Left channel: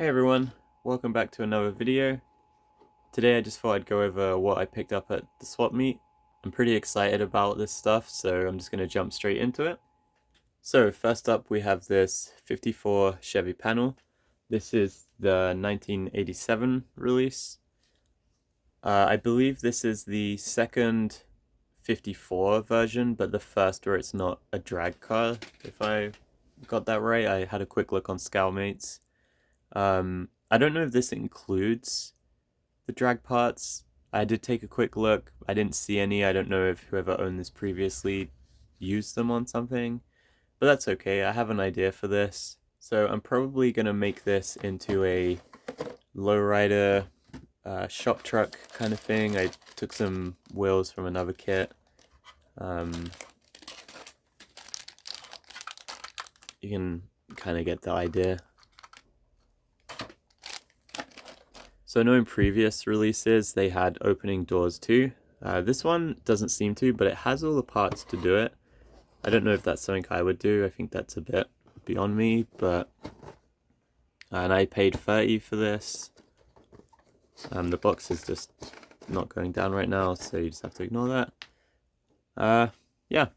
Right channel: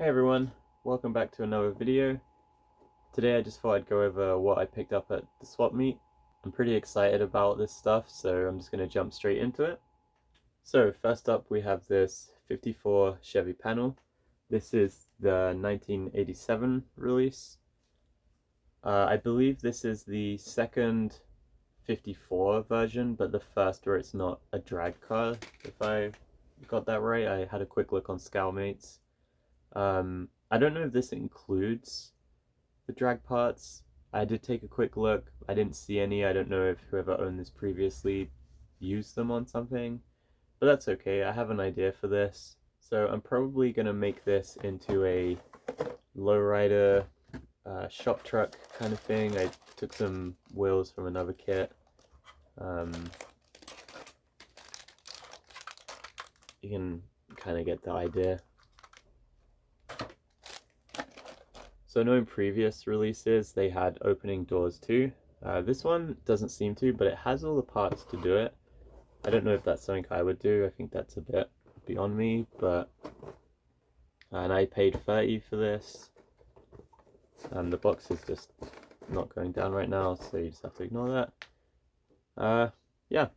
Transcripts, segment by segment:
Hey everyone, welcome back to another video. Today I just thought I'd go over what I picked up at the swap meet. I'm pretty excited about this stuff, so I'm just going to jump straight into it. So first up we have this 54 Chevy Panel. This is the 1987 release. I believe this is the second 54 version, but the first where it's not a drag car, if I got that right. I had a quick look on Scalmates. I don't know if this includes the drag parts. I did take a quick look. I didn't see any. I don't know if whoever owned this previously used them on something, but that's okay. I have an idea for this. So I'm probably going to make this into a lowrider shop truck kind of thing. I took some wheels from another kit. You can kind of get the idea. So I know in previous releases they had opening doors too. This one doesn't seem to, but it has all the parts to do it. I don't know if that's something I would do. I think that's a bit beyond me, but... And I paid 30 for this. The box is just not going down right now, so you just have to ignore that. Yeah,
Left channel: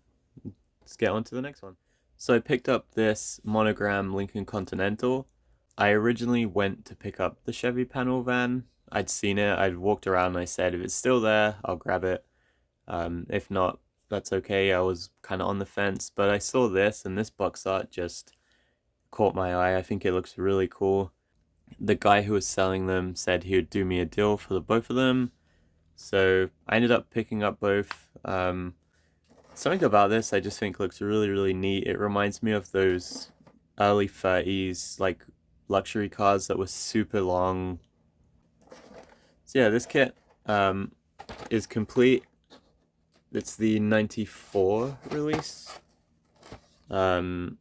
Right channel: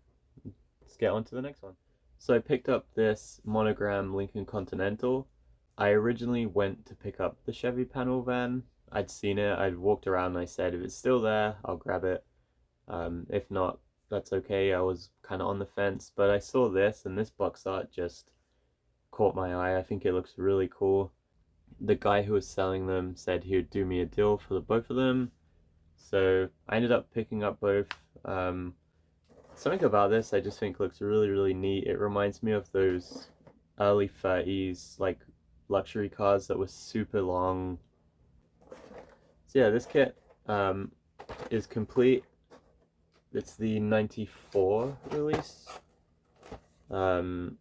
let's get on to the next one. So I picked up this Monogram Lincoln Continental. I originally went to pick up the Chevy Panel van. I'd seen it, I'd walked around and I said, if it's still there, I'll grab it. If not, that's okay. I was kind of on the fence, but I saw this and this box art just caught my eye. I think it looks really cool. The guy who was selling them said he would do me a deal for the both of them. So I ended up picking up both. Something about this I just think looks really, really neat. It reminds me of those early 30s, like luxury cars that were super long. So yeah, this kit is complete. It's the 94 release. The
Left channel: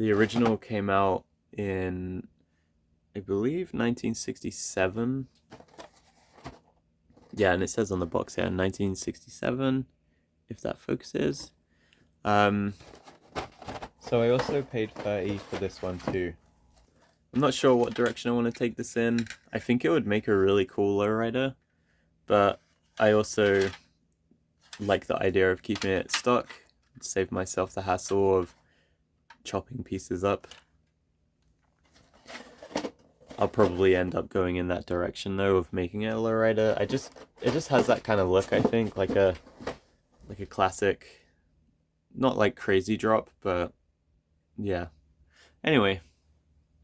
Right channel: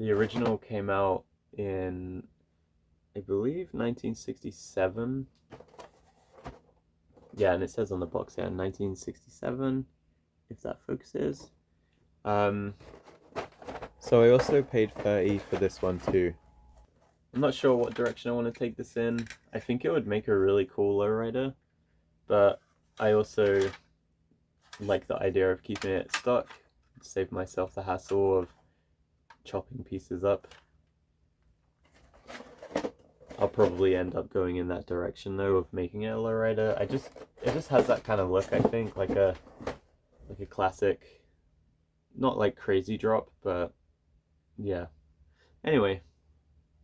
original came out in, I believe, 1967. Yeah, and it says on the box here, 1967, if that focuses. So I also paid 30 for this one too. I'm not sure what direction I want to take this in. I think it would make a really cool lowrider, but I also like the idea of keeping it stock, save myself the hassle of chopping pieces up. I'll probably end up going in that direction though, of making it a lowrider. It just has that kind of look, I think, like a classic, not like crazy drop, but yeah. Anyway,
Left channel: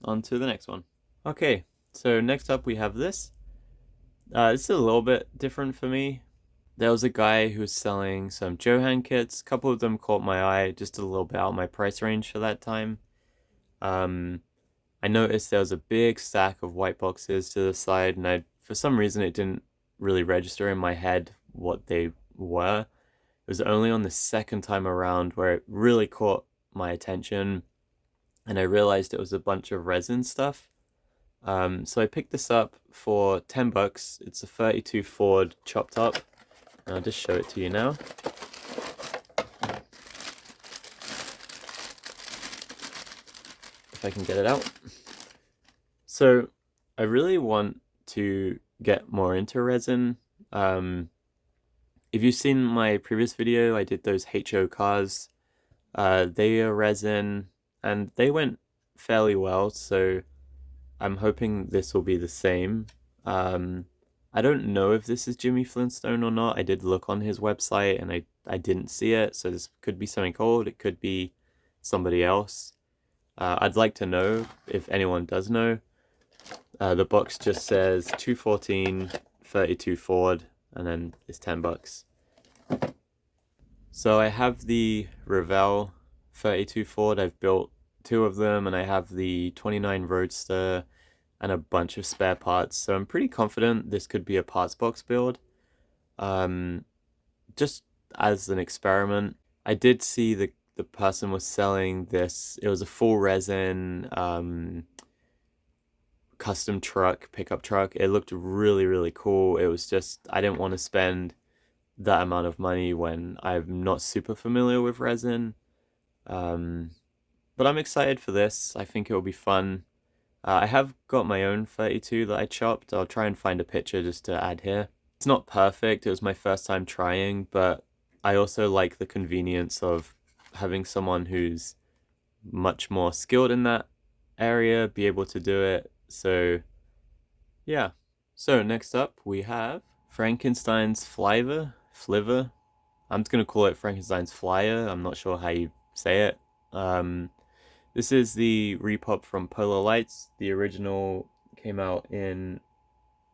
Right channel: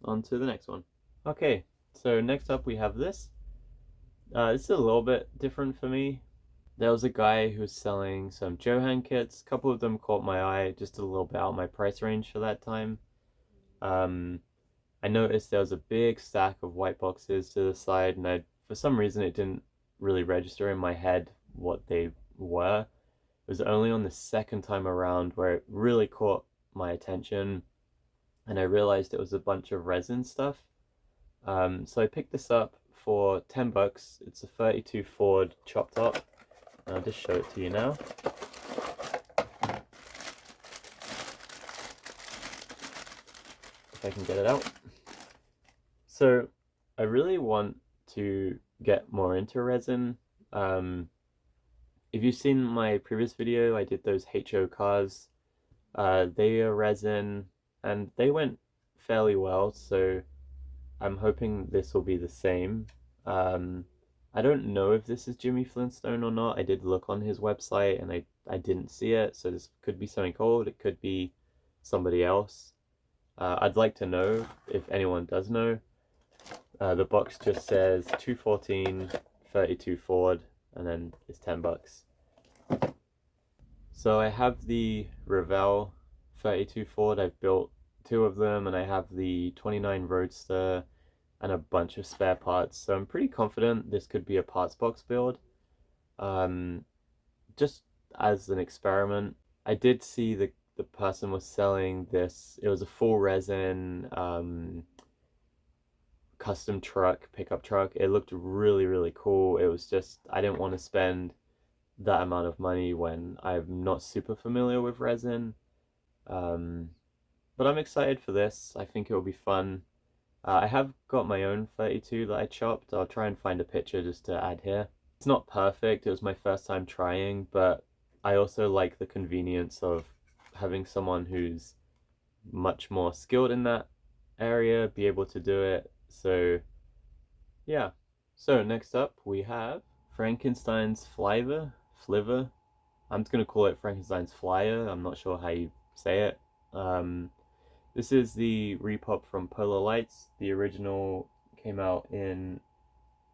on to the next one. Okay, so next up we have this. This is a little bit different for me. There was a guy who was selling some Johan kits. A couple of them caught my eye, just a little bit out of my price range for that time. I noticed there was a big stack of white boxes to the side, and for some reason it didn't really register in my head what they were. It was only on the second time around where it really caught my attention, and I realized it was a bunch of resin stuff. So I picked this up for 10 bucks. It's a 32 Ford chopped up. I'll just show it to you now. If I can get it out. So I really want to get more into resin. If you've seen my previous video, I did those HO cars. They are resin and they went fairly well, so I'm hoping this will be the same. I don't know if this is Jimmy Flintstone or not. I did look on his website and I didn't see it, so this could be something old. It could be somebody else. I'd like to know if anyone does know. The box just says 214 32 Ford and then it's 10 bucks. So I have the Revell 32 Ford. I've built two of them, and I have the 29 Roadster and a bunch of spare parts, so I'm pretty confident this could be a parts box build. Just as an experiment, I did see the person was selling this. It was a full resin custom truck, pickup truck. It looked really, really cool. It was just, I didn't want to spend that amount of money when I'm not super familiar with resin. But I'm excited for this. I think it will be fun. I have got my own 32 that I chopped. I'll try and find a picture just to add here. It's not perfect, it was my first time trying, but I also like the convenience of having someone who's much more skilled in that area be able to do it. So yeah. So next up we have Frankenstein's Flivver. I'm just gonna call it Frankenstein's Flyer. I'm not sure how you say it. This is the repop from Polar Lights. The original came out in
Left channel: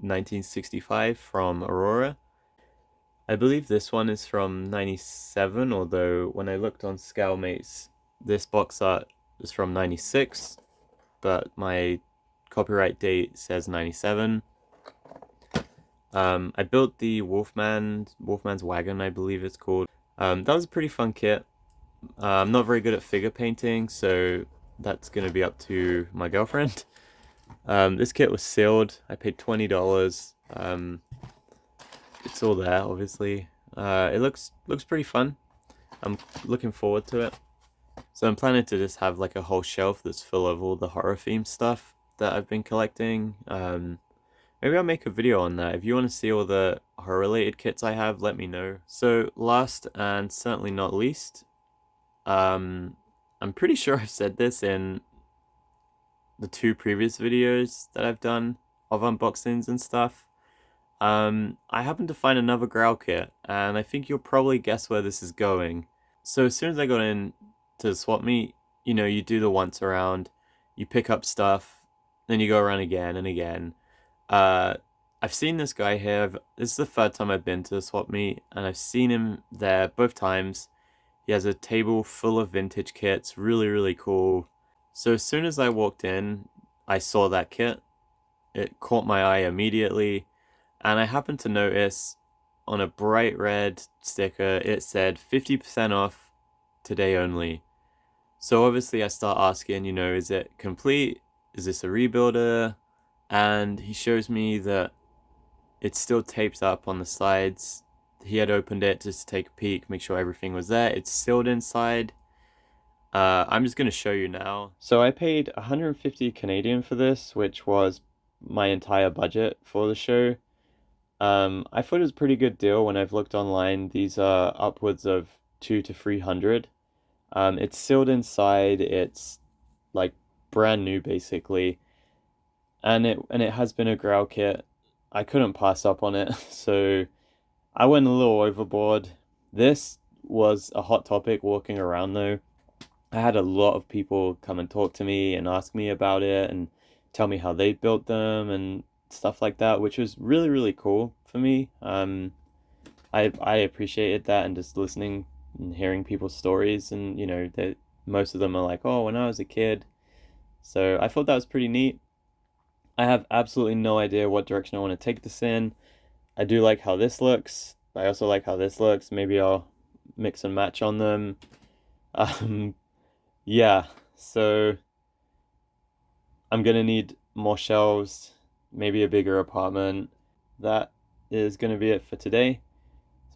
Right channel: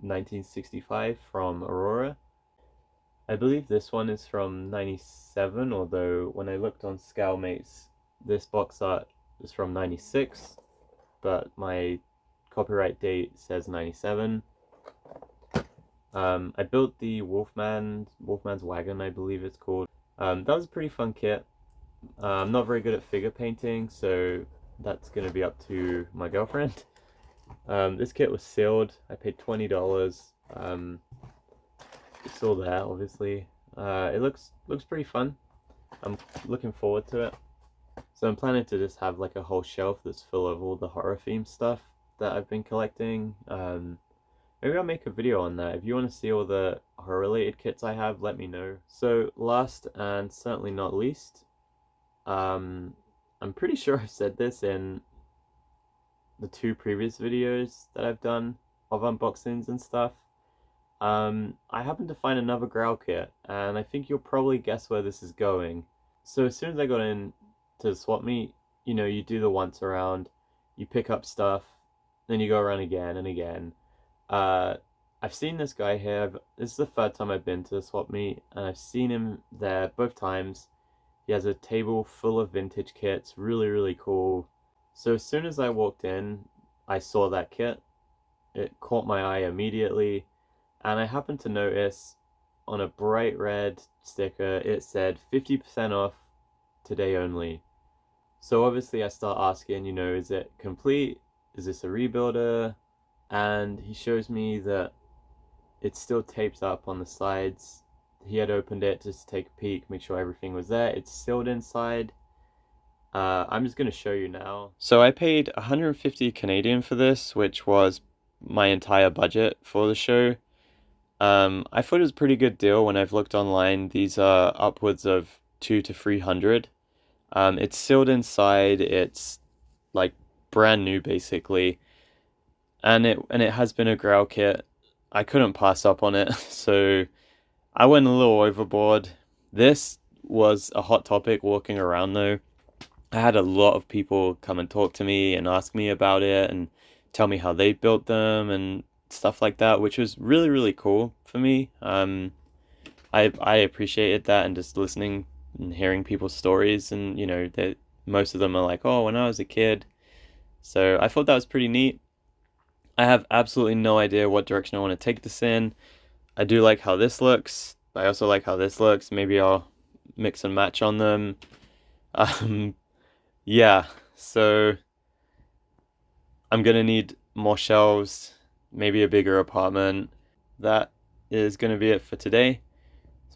1965 from Aurora. I believe this one is from 97, although when I looked on Scalemates, this box art is from 96, but my copyright date says 97. I built the Wolfman's Wagon, I believe it's called. That was a pretty fun kit. I'm not very good at figure painting, so that's going to be up to my girlfriend. This kit was sealed. I paid $20. It's all there, obviously. It looks pretty fun. I'm looking forward to it. So I'm planning to just have like a whole shelf that's full of all the horror themed stuff that I've been collecting. Maybe I'll make a video on that. If you want to see all the horror related kits I have, let me know. So last and certainly not least, I'm pretty sure I've said this in the 2 previous videos that I've done of unboxings and stuff. I happened to find another Growl kit, and I think you'll probably guess where this is going. So as soon as I got in to the swap meet, you know, you do the once around, you pick up stuff, then you go around again and again. I've seen this guy here. This is the 3rd time I've been to the swap meet, and I've seen him there both times. He has a table full of vintage kits, really, really cool. So as soon as I walked in, I saw that kit. It caught my eye immediately, and I happened to notice on a bright red sticker, it said 50% off today only. So obviously I start asking, you know, is it complete? Is this a rebuilder? And he shows me that it's still taped up on the sides. He had opened it just to take a peek, make sure everything was there. It's sealed inside. I'm just going to show you now. So I paid 150 Canadian for this, which was my entire budget for the show. I thought it was a pretty good deal when I've looked online. These are upwards of 200 to 300. It's sealed inside. It's like brand new basically, and it has been a Growl kit. I couldn't pass up on it, so I went a little overboard. This was a hot topic walking around though. I had a lot of people come and talk to me and ask me about it and tell me how they built them and stuff like that, which was really, really cool for me. I appreciated that, and just listening and hearing people's stories, and you know, that most of them are like, oh, when I was a kid. So I thought that was pretty neat. I have absolutely no idea what direction I want to take this in. I do like how this looks. I also like how this looks. Maybe I'll mix and match on them. Yeah, so I'm gonna need more shelves, maybe a bigger apartment. That is gonna be it for today.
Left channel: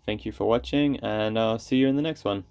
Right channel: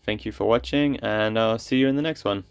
Thank you for watching, and I'll see you in the next one.